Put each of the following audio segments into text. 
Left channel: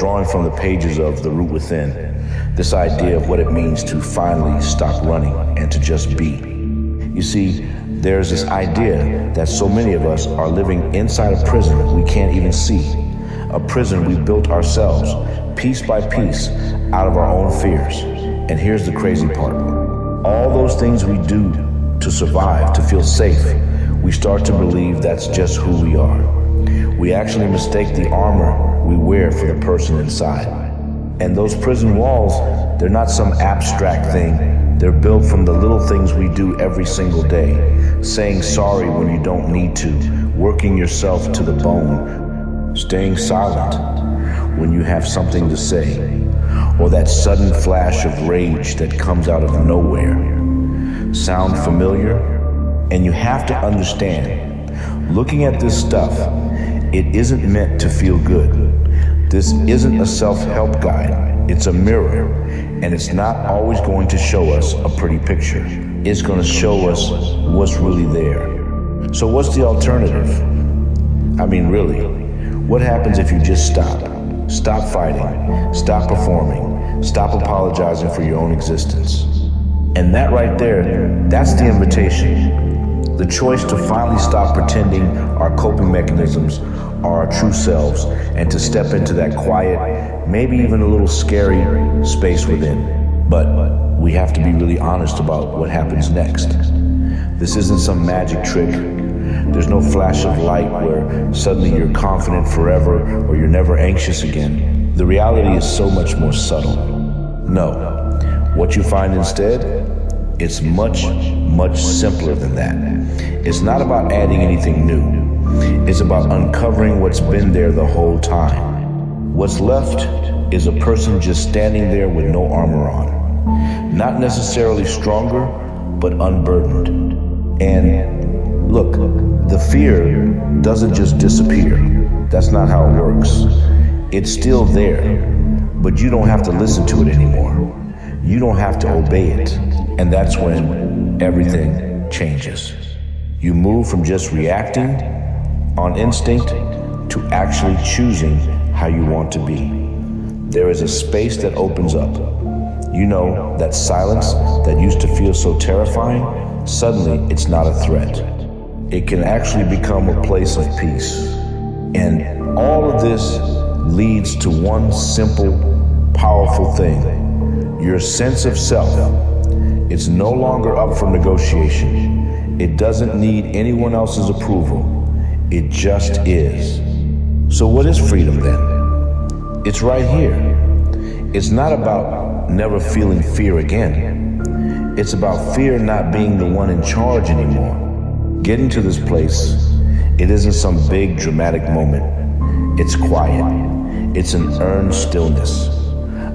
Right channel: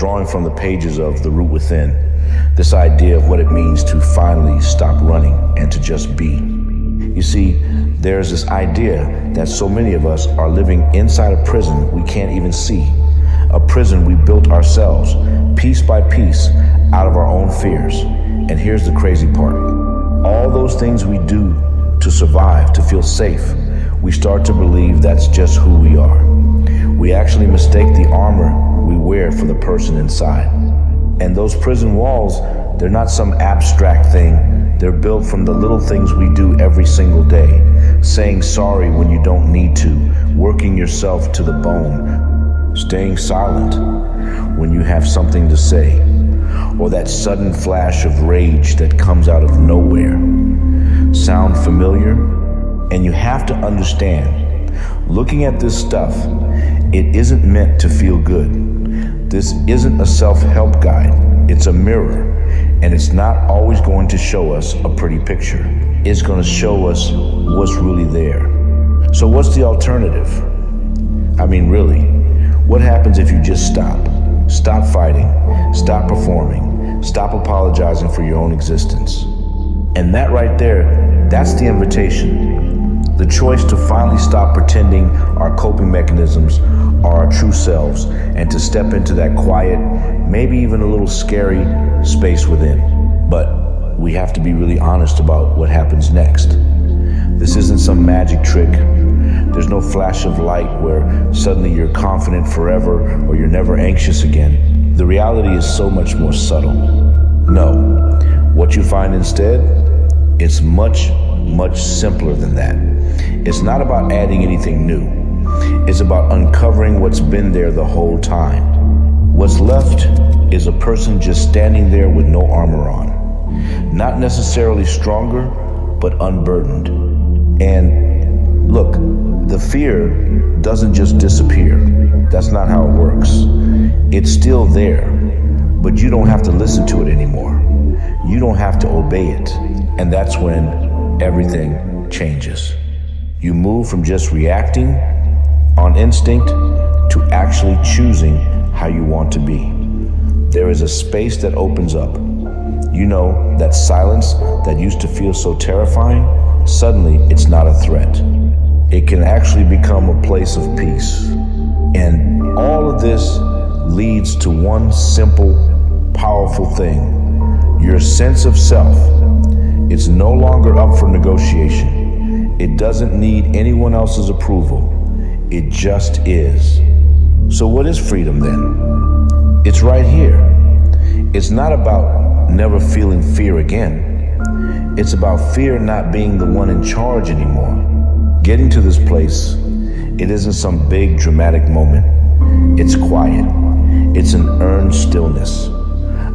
drawing from the pages of The Root Within, this idea of what it means to finally stop running and to just be. You see, there's this idea that so many of us are living inside a prison we can't even see, a prison we built ourselves, piece by piece, out of our own fears. And here's the crazy part. All those things we do to survive, to feel safe, we start to believe that's just who we are. We actually mistake the armor we wear for the person inside. And those prison walls, they're not some abstract thing. They're built from the little things we do every single day. Saying sorry when you don't need to, working yourself to the bone, staying silent when you have something to say, or that sudden flash of rage that comes out of nowhere. Sound familiar? And you have to understand, looking at this stuff, it isn't meant to feel good. This isn't a self-help guide. It's a mirror, and it's not always going to show us a pretty picture. It's going to show us what's really there. So what's the alternative? I mean, really, what happens if you just stop? Stop fighting, stop performing, stop apologizing for your own existence. And that right there, that's the invitation. The choice to finally stop pretending our coping mechanisms are our true selves and to step into that quiet, maybe even a little scary space within. But we have to be really honest about what happens next. This isn't some magic trick. There's no flash of light where suddenly you're confident forever or you're never anxious again. The reality is so much more subtle. No, what you find instead, it's much, much simpler than that. It's not about adding anything new. It's about uncovering what's been there the whole time. What's left is a person just standing there with no armor on. Not necessarily stronger, but unburdened. And look, the fear doesn't just disappear. That's not how it works. It's still there, but you don't have to listen to it anymore. You don't have to obey it. And that's when everything changes. You move from just reacting on instinct to actually choosing how you want to be. There is a space that opens up. You know, that silence that used to feel so terrifying, suddenly it's not a threat. It can actually become a place of peace. And all of this leads to one simple, powerful thing. Your sense of self. It's no longer up for negotiation. It doesn't need anyone else's approval. It just is. So what is freedom then? It's right here. It's not about never feeling fear again. It's about fear not being the one in charge anymore. Getting to this place, it isn't some big dramatic moment. It's quiet. It's an earned stillness,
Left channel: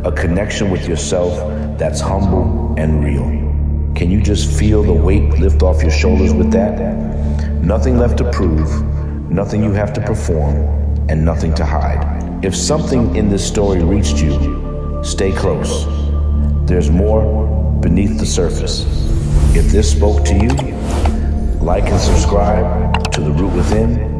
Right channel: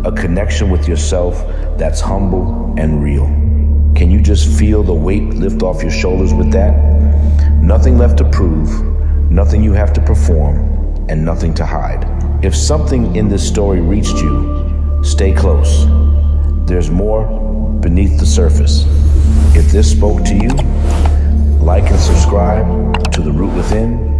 a connection with yourself that's humble and real. Can you just feel the weight lift off your shoulders with that? Nothing left to prove, nothing you have to perform, and nothing to hide. If something in this story reached you, stay close. There's more beneath the surface. If this spoke to you, like and subscribe to The Root Within